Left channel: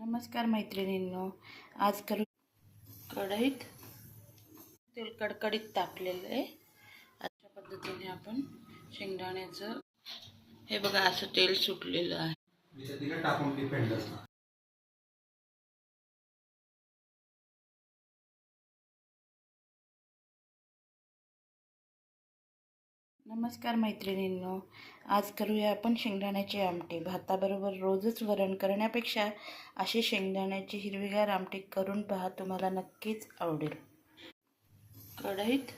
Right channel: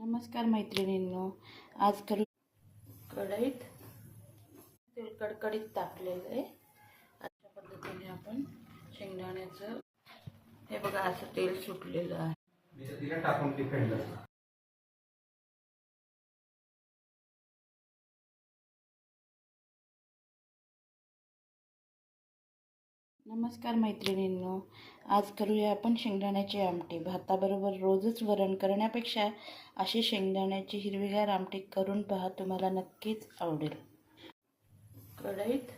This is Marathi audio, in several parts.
नमस्कार मैत्रिणींनो, आज करू कढईत तेल कडकडीत तापलेलं आहे। अशा पद्धतीने आपण शेंगदाण्याचं हे बघा असं तेल सुटलेलं आहे। तिला टाकून डिपेंड असतं। नमस्कार मैत्रिणींनो, आज करूया आपण शेंगदाण्याची आमटी। भाताबरोबर रोजच वरण करण्यापेक्षा अशी शेंगदाण्याची हिरवीगार आमटी करून पहा, तुम्हाला नक्कीच आवडेल। कढईत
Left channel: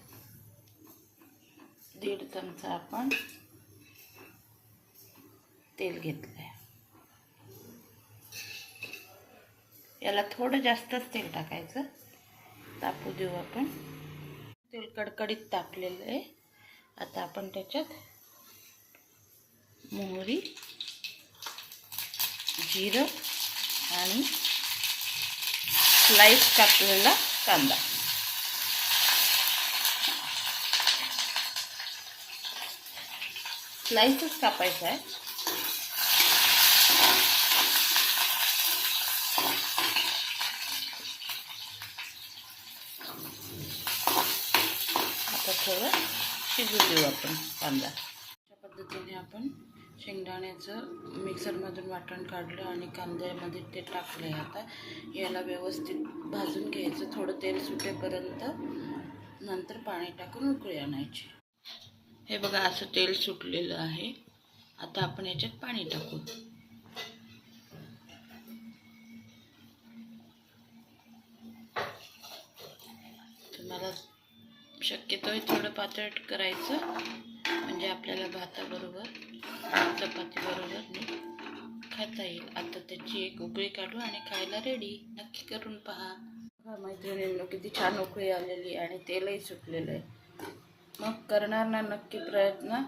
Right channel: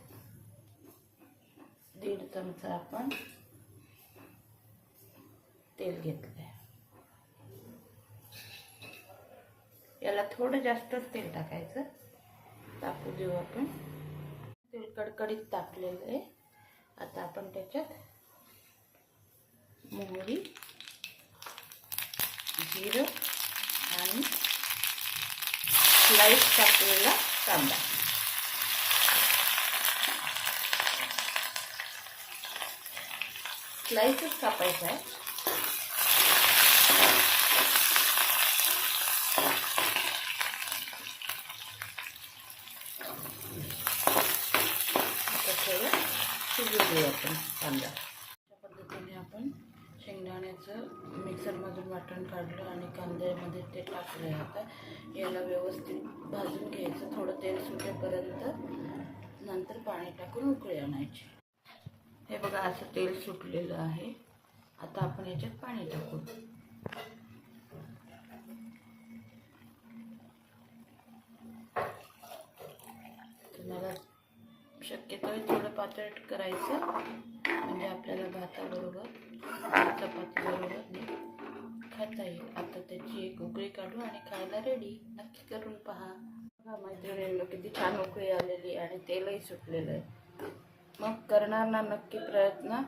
1.5 चमचा आपण तेल घेतलंय। याला थोडं जास्तच तेल टाकायचं। तापू देऊ आपण। तेल कडकडीत तापलेलं आहे। आता आपण त्याच्यात मोहरी, जिरं आणि स्लाइस कापलेला कांदा, स्लाइसच कापायचा आहे। आता थोडं शिजू देऊ आपण कांदा। अशा पद्धतीने आपण शेंगदाण्याचं मिक्सरमधून वाटण काढलं आणि कांद्यामध्ये ते टाकले। आता याला व्यवस्थित भाजून घ्यायचं, थोडं तेल सुटेपर्यंत। नंतर पाणी टाकून उकळी आणायची। हे बघा असं तेल सुटलेलं आहे। आता आपण याच्यात पाणी टाकू। तुम्हाला शक्यतो थोडं पातळ करायचं, म्हणजे आपल्याला भाताबरोबर चपातीबरोबर खाता येईल। आता त्याची एक उकळी काढू आणि खायला रेडी। नक्की करून पहा। बघा मैत्रिणींनो, किती छान उकळी आलेली आणि तेलही सुटलेलं आहे। मग करणार ना नक्की प्रयत्न।